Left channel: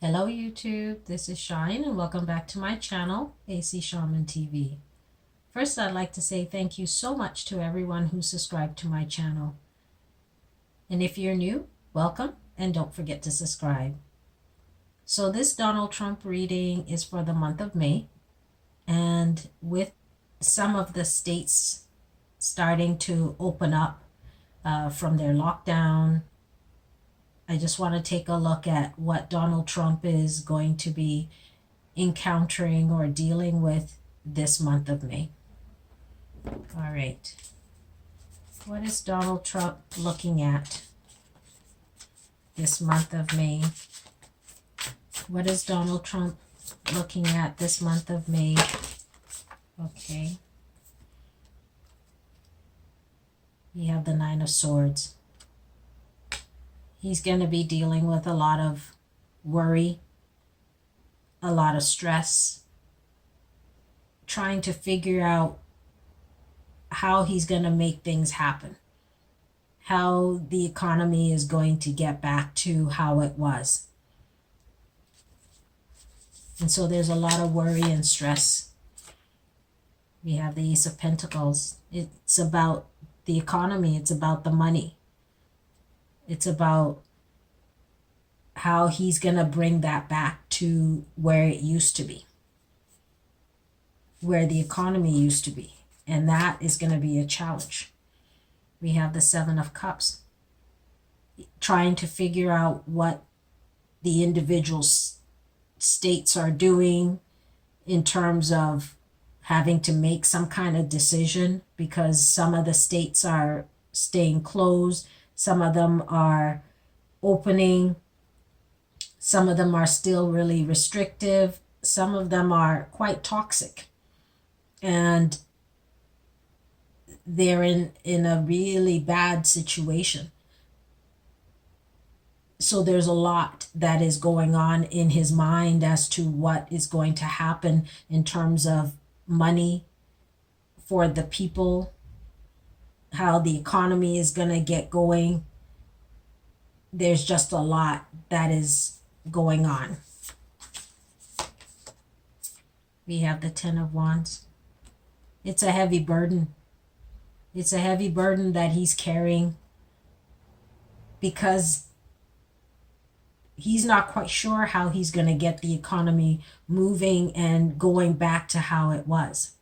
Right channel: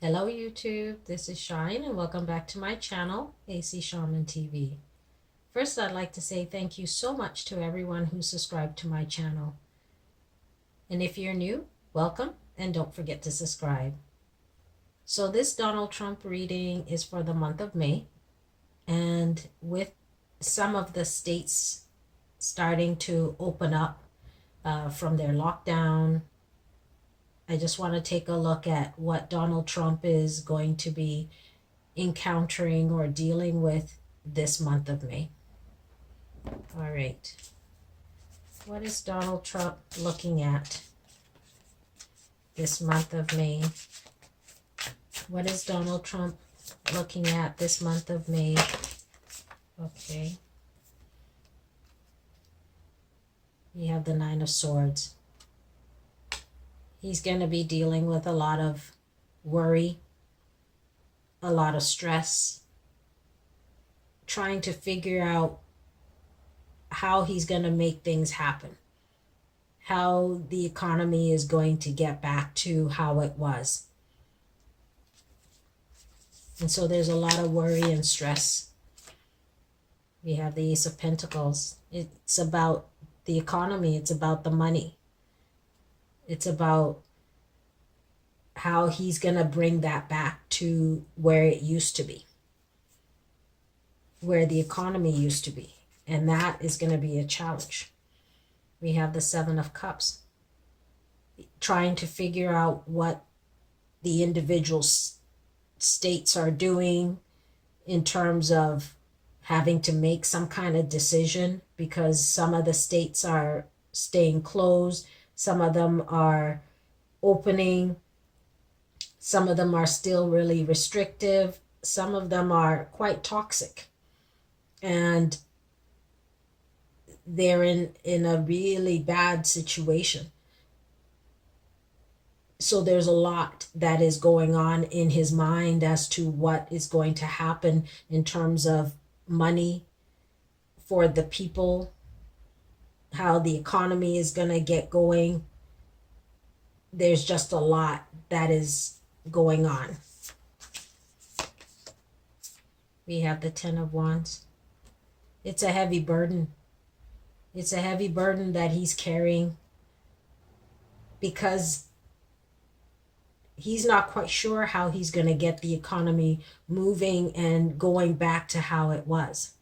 Hello YouTube, this is Shine and welcome back to my channel, AC Shaman TV. First, I'd like to say thank you so much to everyone who subscribed to my channel. And if you're new, welcome and don't forget to subscribe. So this Donald Trump reading is for the month of May, and with some of the states starting to open up from their lockdown, I just want to take a look at what Donald Trump is going to be encountering or dealing with this month of May. All right. What is Donald Trump looking at this month of May? What is Donald Trump looking at this month of May? Okay. You have the Nine of Swords. He's going to be dealing with a lot of worry, a lot of stress, trying to figure out how he's going to make things happen, how the economy is going to get back to how it was. And so there's a lot of worry and stress. We have the Ace of Pentacles. It's about the economy. It's about the money. It's about how he's going to bring that back to where it used to be, where the economy used to be. And that is going to be a challenge. We have the Seven of Cups, trying to figure out what the individual states are doing in terms of having to make some kind of decision, because some of the states are staying closed, some of them are opening, some of them are still really restrictive, some of them are quite toxic, and they're in a really bad situation. So there's a lot that is going on in his mind as to what is going to happen in terms of money for the people, how the economy is going to get going. There's just a lot that is going on. We have the Ten of Wands. It's a heavy burden. It's a heavy burden that he's carrying, because he's not quite sure how he's going to get the economy moving and going back to how it was.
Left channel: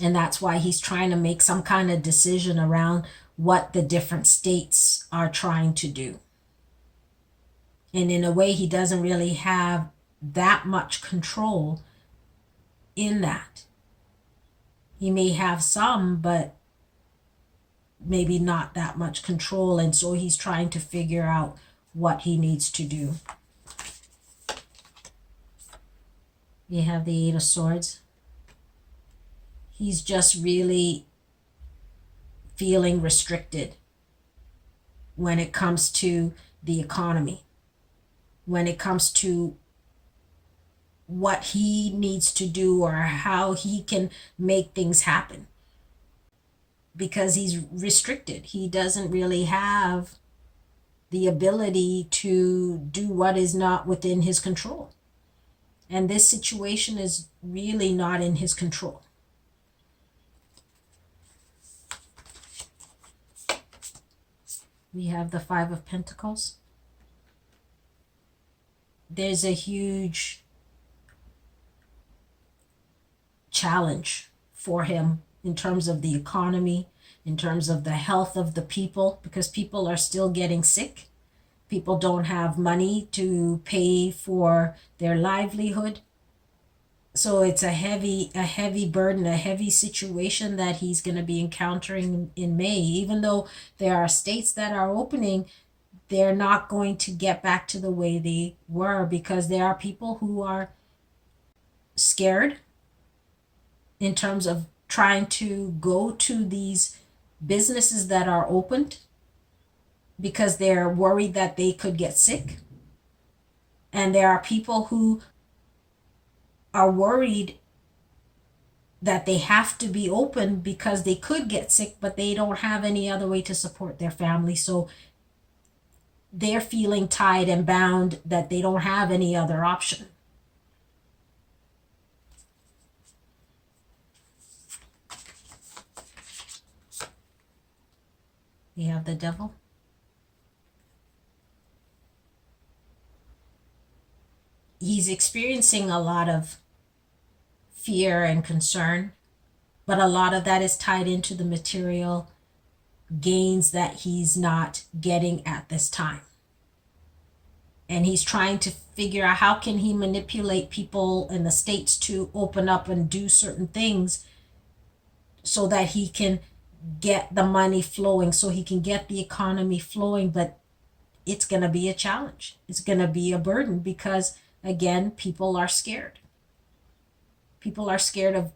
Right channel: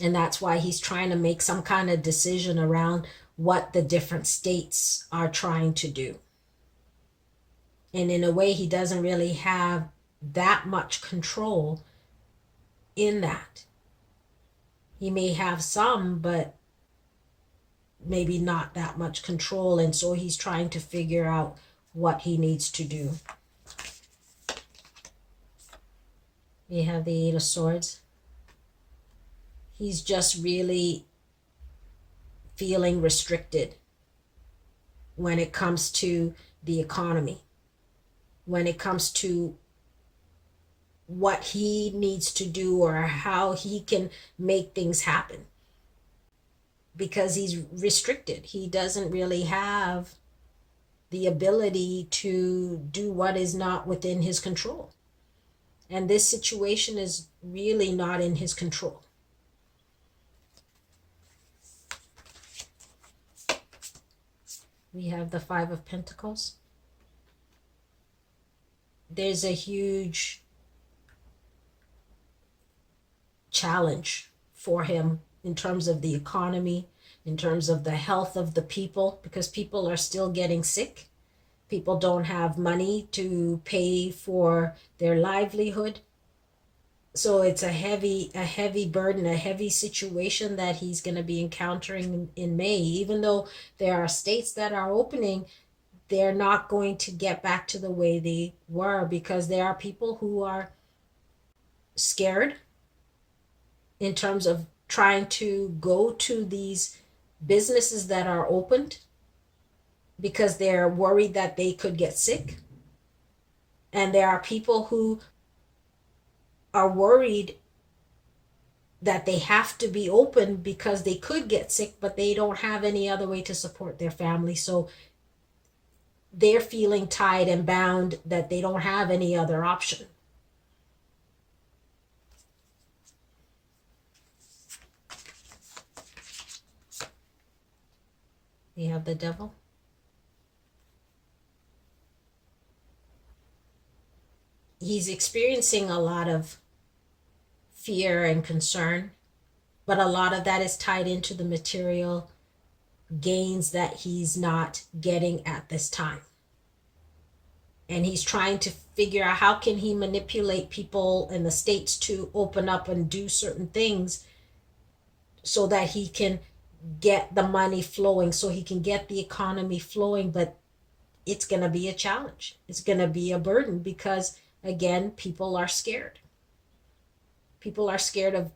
And that's why he's trying to make some kind of decision around what the different states are trying to do. And in a way, he doesn't really have that much control in that. He may have some, but maybe not that much control. And so he's trying to figure out what he needs to do. We have the Eight of Swords. He's just really feeling restricted when it comes to the economy, when it comes to what he needs to do or how he can make things happen, because he's restricted. He doesn't really have the ability to do what is not within his control. And this situation is really not in his control. We have the Five of Pentacles. There's a huge challenge for him in terms of the economy, in terms of the health of the people, because people are still getting sick. People don't have money to pay for their livelihood. So it's a heavy burden, a heavy situation that he's going to be encountering in May. Even though there are states that are opening, they're not going to get back to the way they were, because there are people who are scared in terms of trying to go to these businesses that are opened, because they're worried that they could get sick. And there are people who are worried that they have to be open because they could get sick, but they don't have any other way to support their family. So they're feeling tied and bound that they don't have any other option. We have the devil. He's experiencing a lot of fear and concern, but a lot of that is tied into the material gains that he's not getting at this time. And he's trying to figure out how can he manipulate people in the states to open up and do certain things so that he can get the money flowing, so he can get the economy flowing. But it's going to be a challenge. It's going to be a burden because, again, people are scared. People are scared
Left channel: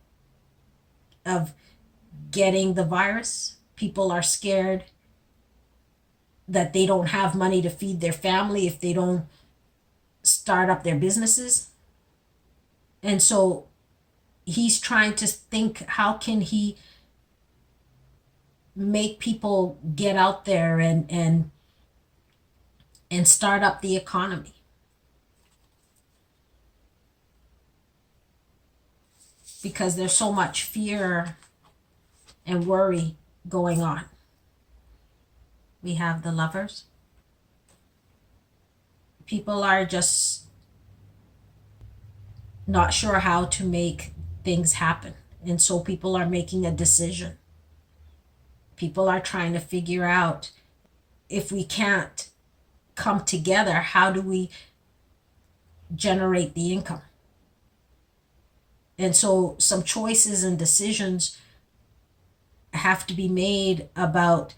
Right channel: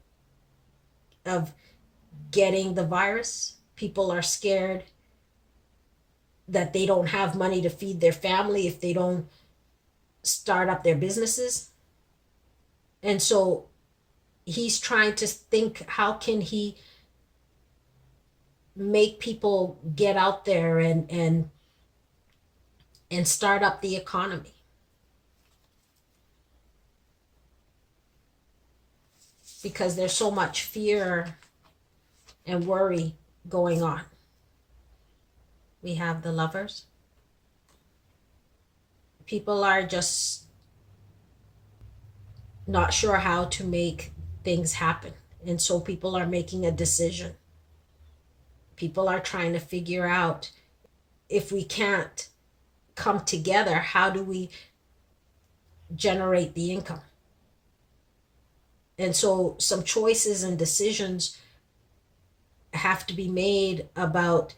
of getting the virus. People are scared that they don't have money to feed their family if they don't start up their businesses. And so he's trying to think, how can he make people get out there and start up the economy? Because there's so much fear and worry going on. We have the Lovers. People are just not sure how to make things happen. And so people are making a decision. People are trying to figure out, if we can't come together, how do we generate the income? And so some choices and decisions have to be made about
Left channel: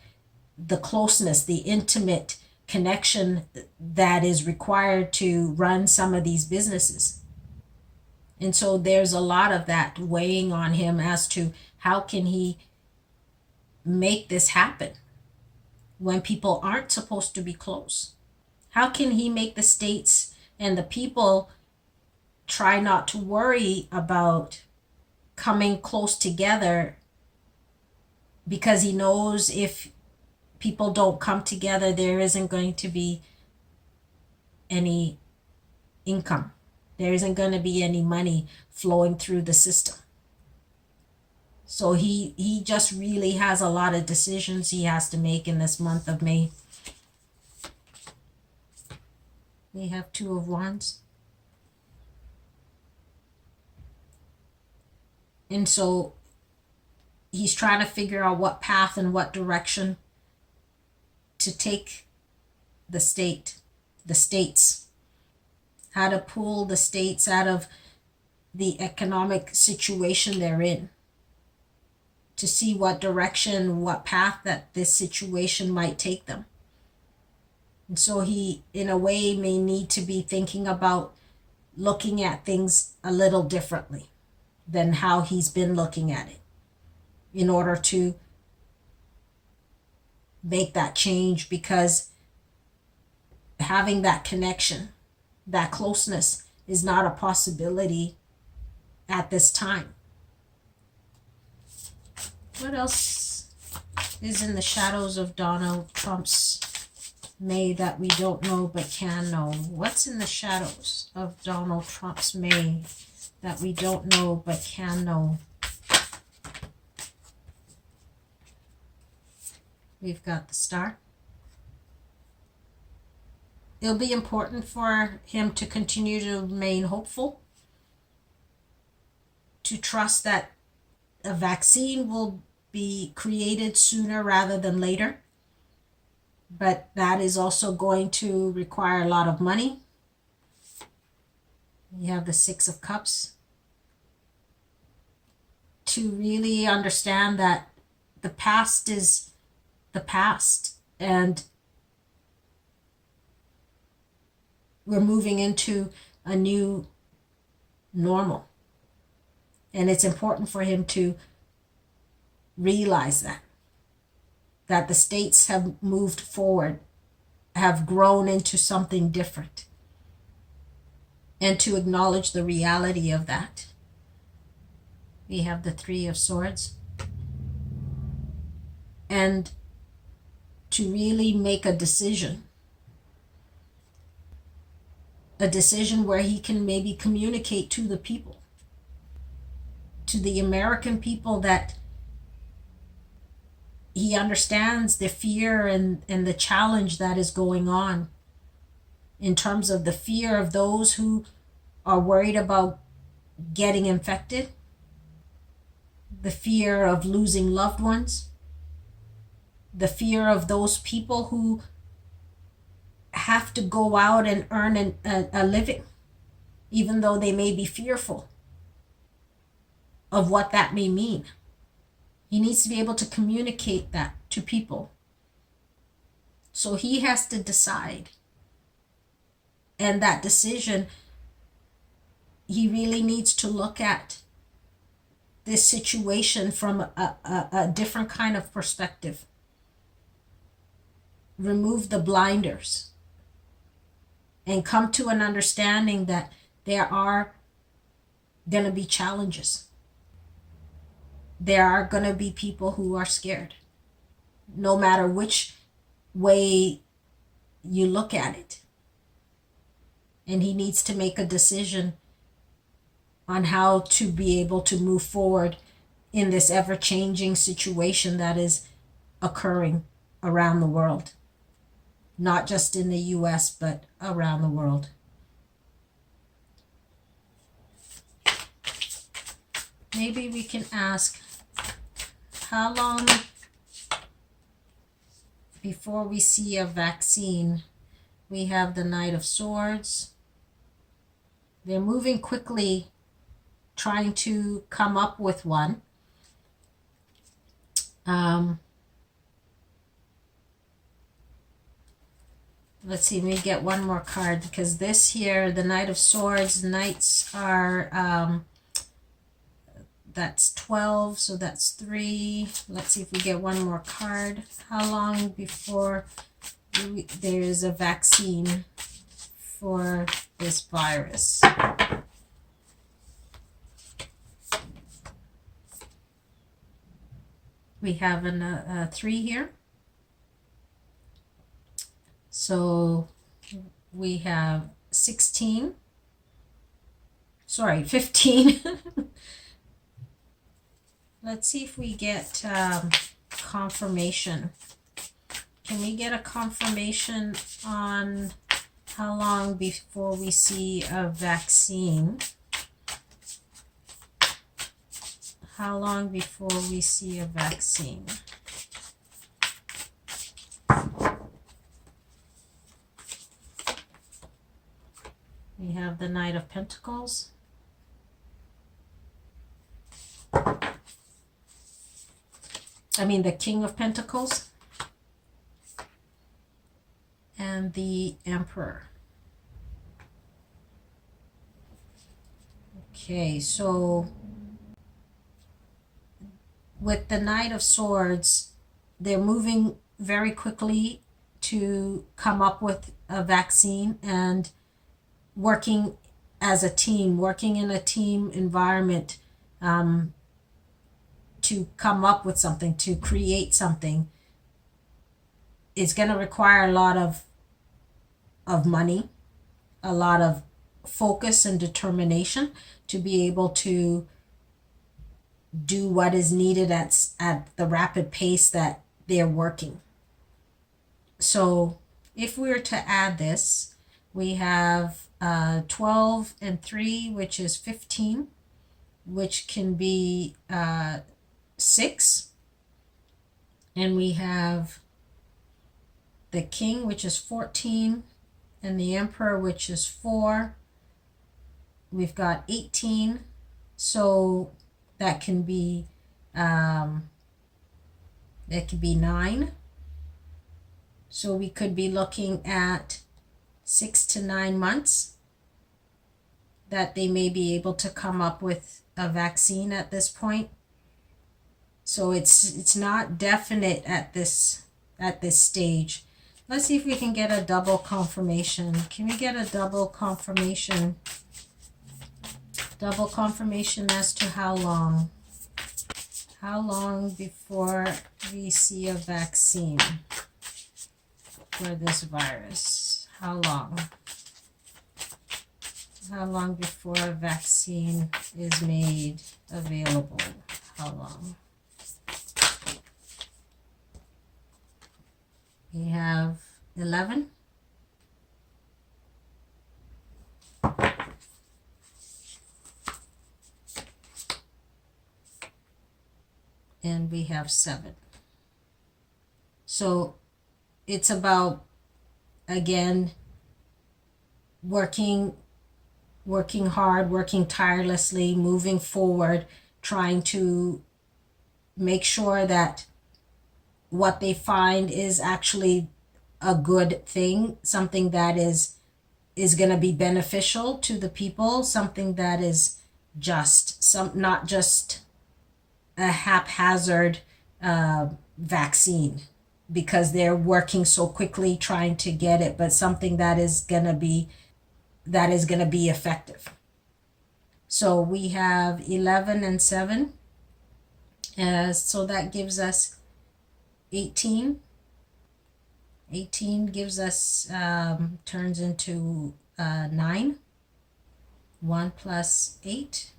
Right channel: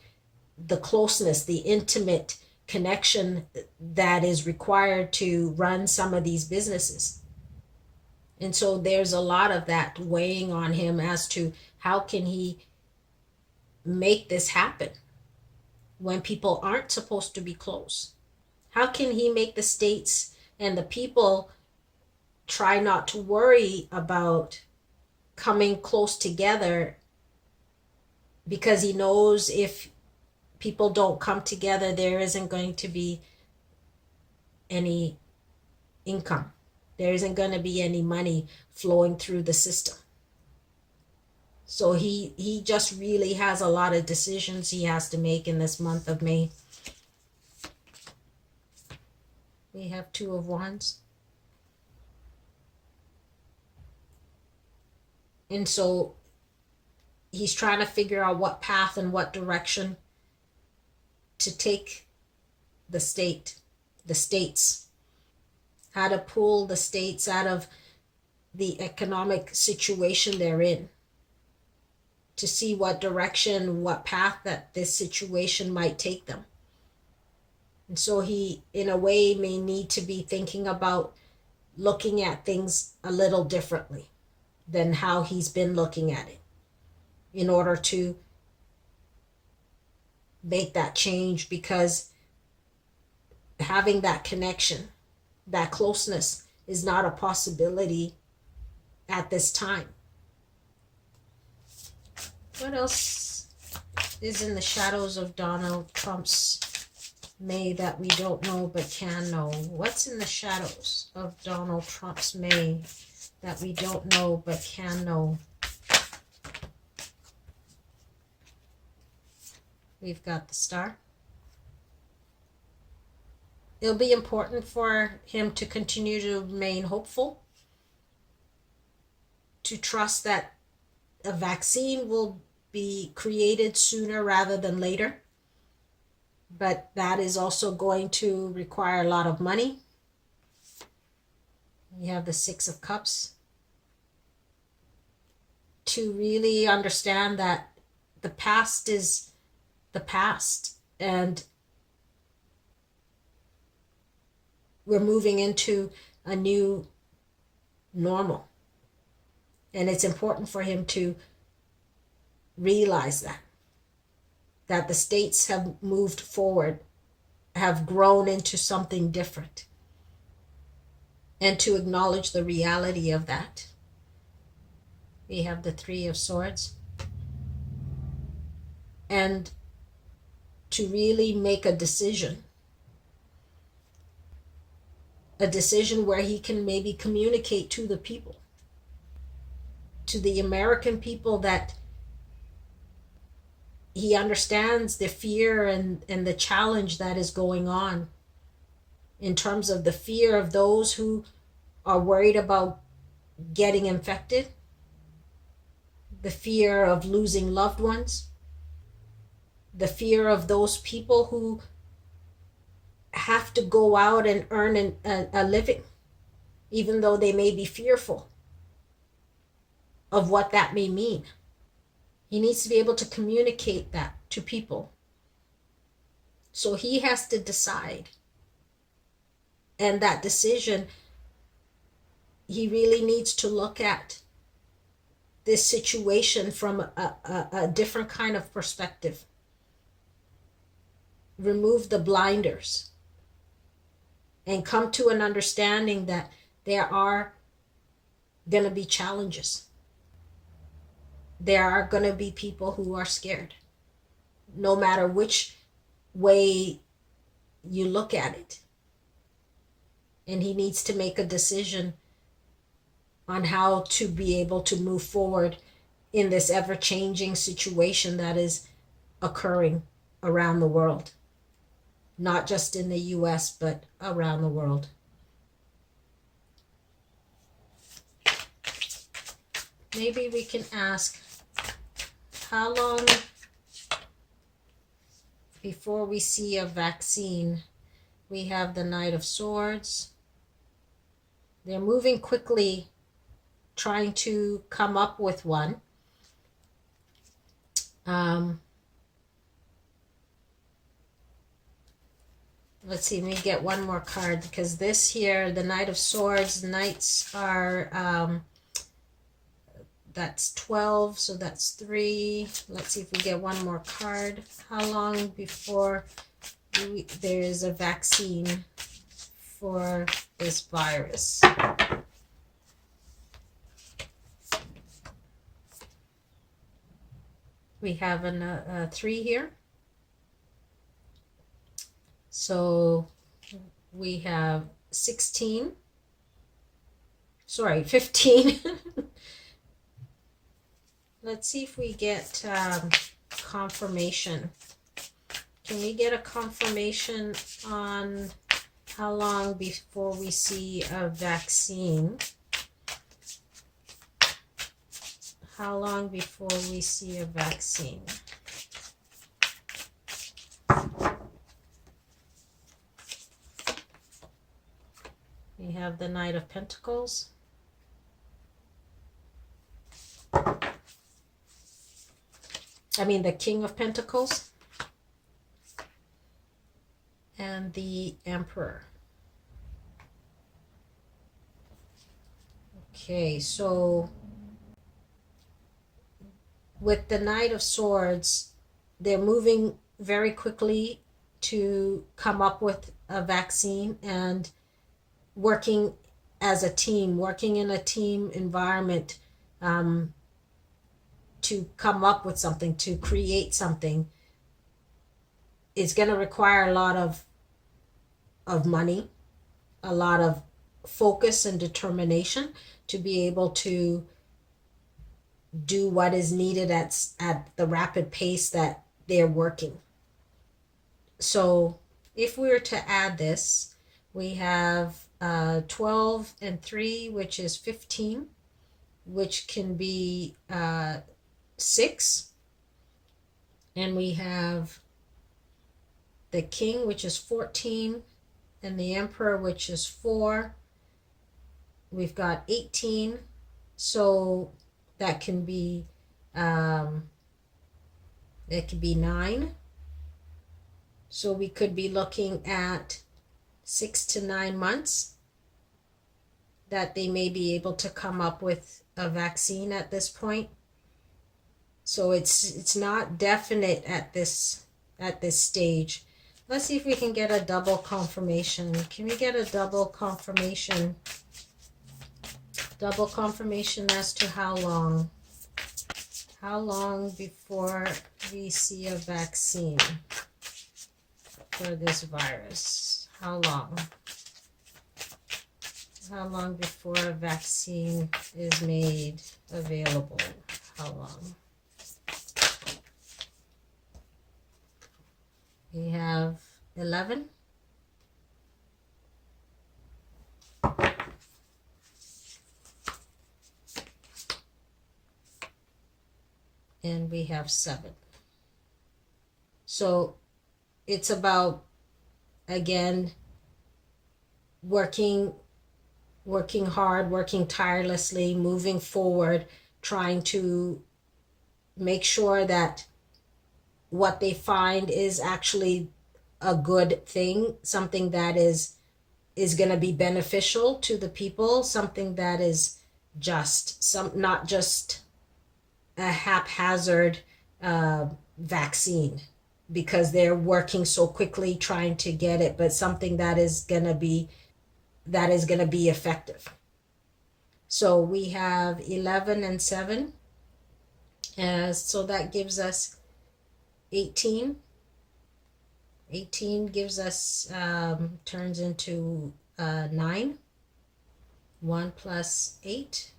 the closeness, the intimate connection that is required to run some of these businesses. And so there's a lot of that weighing on him as to how can he make this happen when people aren't supposed to be close? How can he make the states and the people try not to worry about coming close together, because he knows if people don't come together, there isn't going to be any income. There isn't going to be any money flowing through the system. So he just really has a lot of decisions he has to make in this month of May. We have Two of Wands. And so he's trying to figure out what path and what direction to take the states, how to pull the states out of the economic situation they're in, to see what direction, what path that this situation might take them. And so he, in a way, may need to be thinking about looking at things a little differently than how he's been looking at it, in order to make that change, because having that connection, that closeness, is not a possibility at this time. What else is in the shadows of Donald Trump's May that we don't know but can know? What's in the shadows of Donald Trump's May that we don't know but can know? We've got the Star. It'll be important for him to continue to remain hopeful, to trust that a vaccine will be created sooner rather than later. But that is also going to require a lot of money. You have the Six of Cups. To really understand that the past is the past, and we're moving into a new normal. And it's important for him to realize that the states have moved forward, have grown into something different, and to acknowledge the reality of that. We have the Three of Swords. And to really make a decision a decision where he can maybe communicate to the people, to the American people, that he understands the fear and the challenge that is going on in terms of the fear of those who are worried about getting infected, the fear of losing loved ones, the fear of those people who have to go out and earn a living, even though they may be fearful of what that may mean. He needs to be able to communicate that to people. So he has to decide. And that decision, he really needs to look at this situation from a different kind of perspective. Remove the blinders and come to an understanding that there are going to be challenges. There are going to be people who are scared, no matter which way you look at it. And he needs to make a decision on how to be able to move forward in this ever-changing situation that is occurring around the world. Not just in the US, but around the world. Maybe we can ask, how long before we see a vaccine? We have the Knight of Swords. They're moving quickly, trying to come up with one. Let's see, let me get one more card, because this here, the Knight of Swords, knights are, that's 12, so that's 3. Let's see if we get one more card. How long before there is a vaccine for this virus? We have a 3 here. So we have 15. Let's see if we get confirmation. Can we get a confirmation on how long before we see a vaccine? How long before we see a vaccine? We have the Knight of Pentacles. The King of Pentacles. And the Emperor. Okay, so with the Knight of Swords, they're moving very quickly to come up with a vaccine and working as a team, working in a team environment, to come up with something, to create something. It's going to require a lot of money, a lot of focus and determination to be able to do what is needed at the rapid pace that they're working. So if we were to add this, we have 12 and 3, which is 15, which can be 6. And we have the King, which is 14, and the Emperor, which is 4. We've got 18, so that can be it could be 9. So we could be looking at 6 to 9 months that they may be able to come up with a vaccine at this point. So it's not definite at this stage. Let's see if we can get a double confirmation. Can we get a double confirmation? Double confirmation as to how long? How long before we see a vaccine for this virus? How long? How long before a vaccine is made available? How long? We have 11. And we have 7. So it's about, again, working hard, working tirelessly, moving forward, trying to make sure that what they find is actually a good thing, something that is going to be beneficial to the people, something that is not just a haphazard vaccine because they're working so quickly trying to get it, but something that is going to be effective. So we have 11 and 7, so that gives us 18. 18 gives us turns into 9. 1 plus 8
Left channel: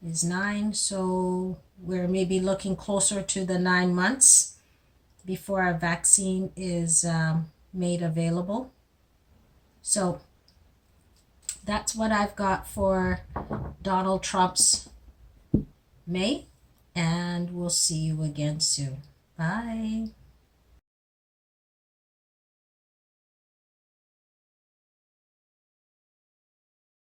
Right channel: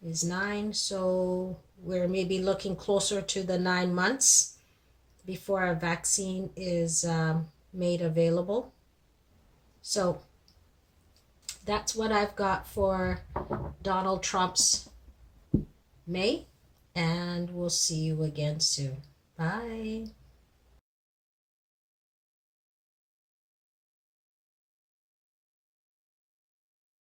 is 9, so we're maybe looking closer to the 9 months before a vaccine is made available. So that's what I've got for Donald Trump's May, and we'll see you again soon. Bye.